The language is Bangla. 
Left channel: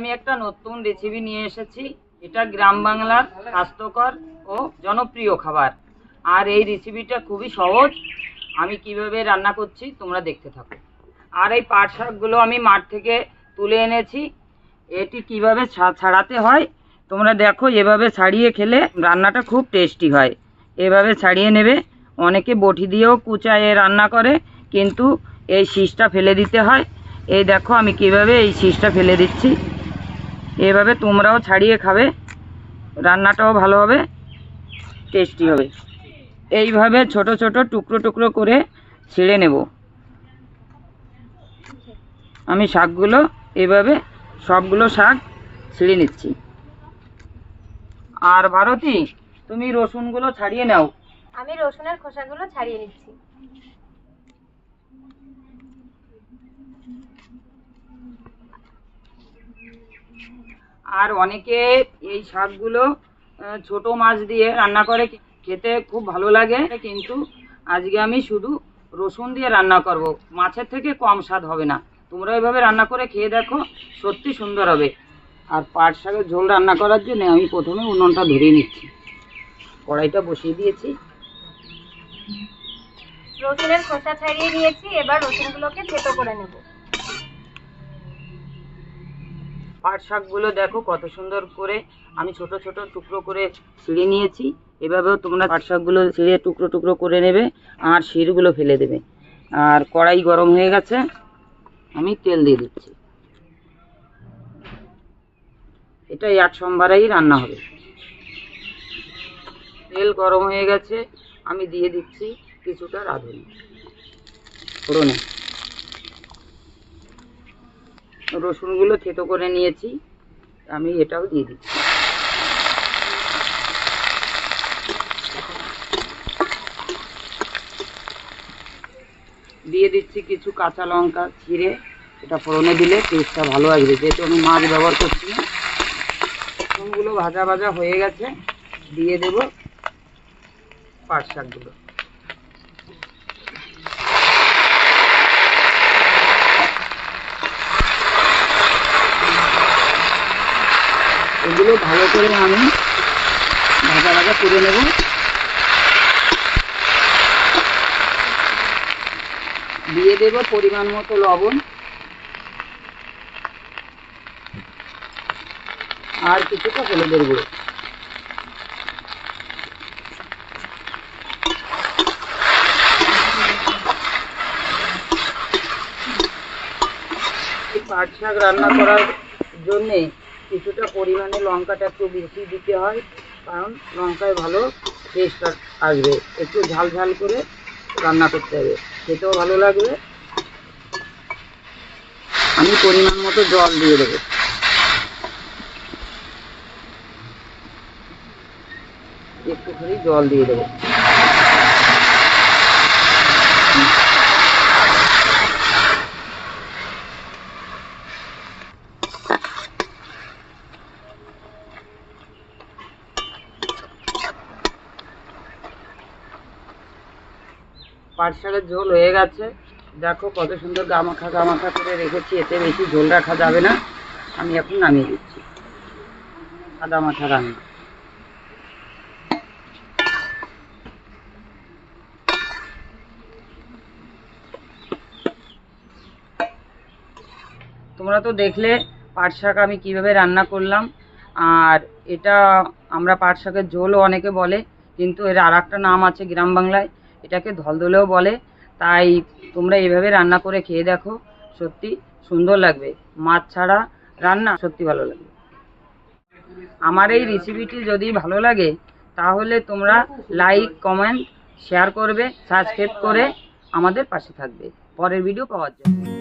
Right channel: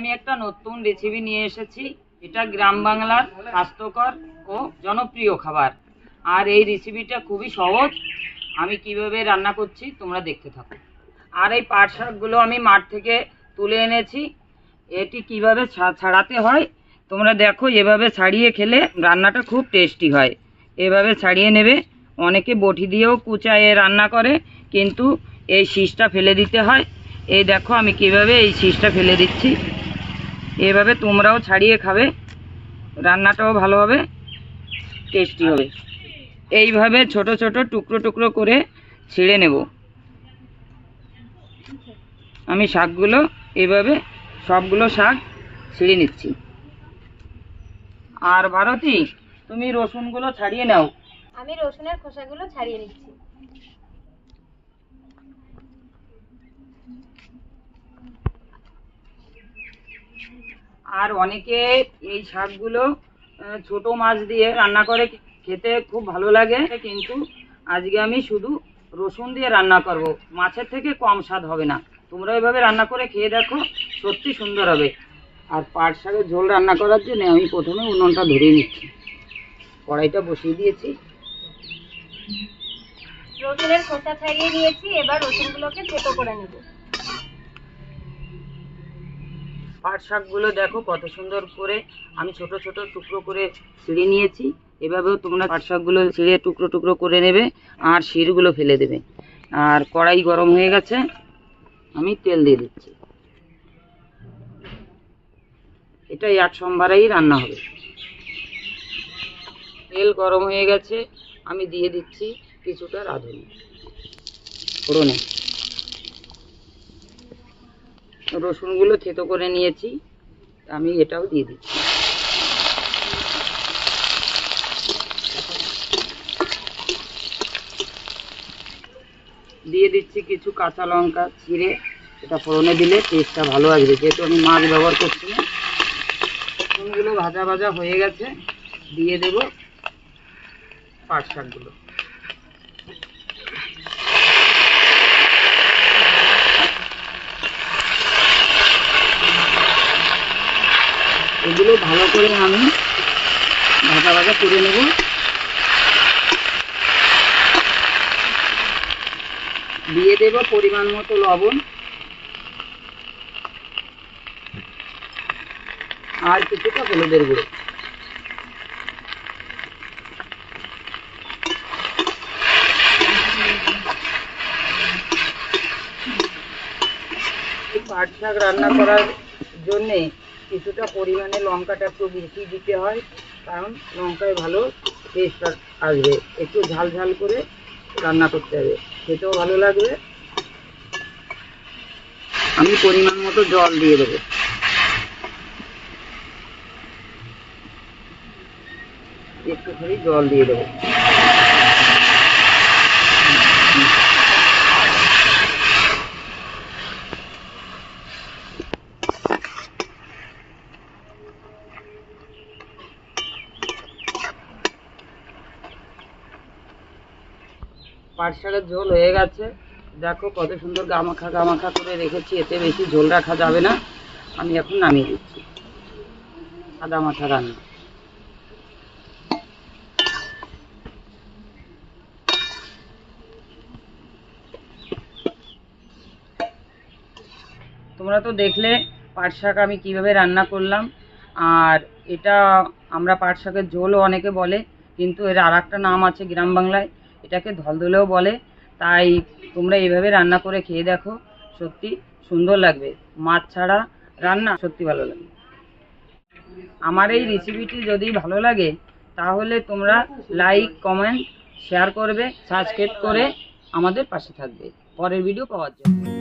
আমি একটা নতুন রেসিপি নিয়ে এসেছি। এটা গ্রাম বাংলার স্বাস্থ্যকর ও জনপ্রিয় খাবার। আর এই রেসিপিটা খুবই সহজ। আমি কীভাবে রান্না করছি তোমরা দেখতে থাকো। আর এই পাট শাকগুলো আমি মাঠ থেকে তুলে এনেছি। এটি কীভাবে ছাড়াতে হয়, তোমরা দেখো, এভাবে ছাড়িয়ে খেলে রান্নাটা খুব টেস্টি হয়। এভাবে ছাড়িয়ে নেবে। অনেকে বটি দিয়েও কুচায়ে রান্না করে, কিন্তু এই শীষটা ফেলে দিতে হয়। এই দেখো, আমি কীভাবে এই শীষটা ফেলে দিচ্ছি। এভাবে তোমরাও ছাড়িয়ে খাবে, রান্নাটাও ভালো হবে টেস্টি হবে। এইভাবে ছোট ছোট টুকরো টুকরো করে ছিঁড়ে নেব। আমি শাকগুলো এভাবে সবগুলো শাক ছিঁড়ে নিচ্ছি। আর ভারতী, তুমি রসুনগুলো ছাড়িয়ে নাও। আমি রসুনের খোসাগুলো ছাড়িয়ে নিচ্ছি। আর অনেকে এই শাকগুলো ছোট মাছ দিয়ে রান্না করে খেতে খুব ভালো লাগে। কিন্তু আজকে আমি শুধু রসুন দিয়ে রান্না করব। মাছের থেকে কম স্বাদ হবে না। তোমরা এভাবে রান্না করে খেয়ে দেখো, সত্যি সুন্দর হবে। আর পাট শাকের ঝোল রান্না করার জন্য আমি প্রথমে উনুনটা ধরিয়ে নিচ্ছি। কড়াইটা বসিয়ে দিয়েছি। রসুনের খোসা ছাড়িয়ে নিয়েছি। এবার রসুনগুলোকে থেতো করে নেব। পাট শাকগুলো দেখো কত সুন্দর করে আমি ছোট ছোট টুকরো করে ছিঁড়ে নিয়েছি। এভাবেও তোমরা পাট শাকগুলো ছিঁড়ে টুকরো টুকরো করে নেবে আর শিরগুলো ফেলে দেবে। আর কড়াই গরম হয়ে গেছে, আমি তেল দিয়ে দিচ্ছি। এটা এক সোমবারেই রান্না হবে। তেল গরম হয়ে গেছে, আমি দিয়ে দিচ্ছি কিছুটা রাঁধুনি। ফোড়নে। রসুনগুলো থেতো করে নিয়েছি। আমি এটাও দিয়ে দিচ্ছি। দিয়ে দিচ্ছি কিছু কাঁচা লঙ্কা ছিঁড়ে এটা ফোড়নে দিলে টেস্টটা ভালো আসবে। যেহেতু আমি মাছ ব্যবহার করছি রসুনগুলো ভাজা ভাজা হয়ে গেছে। দিয়ে দেব পাট শাকগুলো। এগুলো ভালো করে আমি ভাজা ভাজা করে নেব। দিয়ে দেব পরিমাণ মতো লবণ। আর কিছুটা হলুদের গুঁড়ো। পাট শাক রান্না করার জন্যে কিছুটা পরিমাণে লঙ্কাটা একটু বেশি দিতে হয়, কারণ লঙ্কায় ভালো টেস্ট আসবে। একটু ঝাল ঝাল করে রান্না করতে হবে। খেতেও ভালো লাগবে। আমি পরিমাণ মতো জল দিয়ে দেবো। একটুখানি জল দিয়ে দেবো। পাট শাকের ঝোল হয়ে গেছে। দেখো কত সুন্দর গামাখা গামাখা করে রেখেছি, এতে বেশি ঝোল রাখা যাবে না। আমি এখন নামিয়ে দিচ্ছি সাদা মাথা রান্না। তোমরা তো দেখলে পাট শাক আমি কীভাবে রান্না করলাম। আর এটা আমরা পাট শাকের ঝোলও অনেকে বলে, কিন্তু এর আর একটা নাম আছে গ্রাম বাংলায় এটাকে ধলধলেও বলে। তাই তোমরা এভাবে রান্না করে খেয়ে দেখো, সত্যি সুন্দর লাগবে। মাছ ছাড়া রান্না সত্যি ভালো লাগে। আমার এই রেসিপিটি যদি ভালো লাগে, তাহলে তোমরা লাইক কমেন্ট শেয়ার করবে সাবস্ক্রাইব করে আমাদের পাশে থাকবে। পরের ভিডিও পাওয়ার জন্য।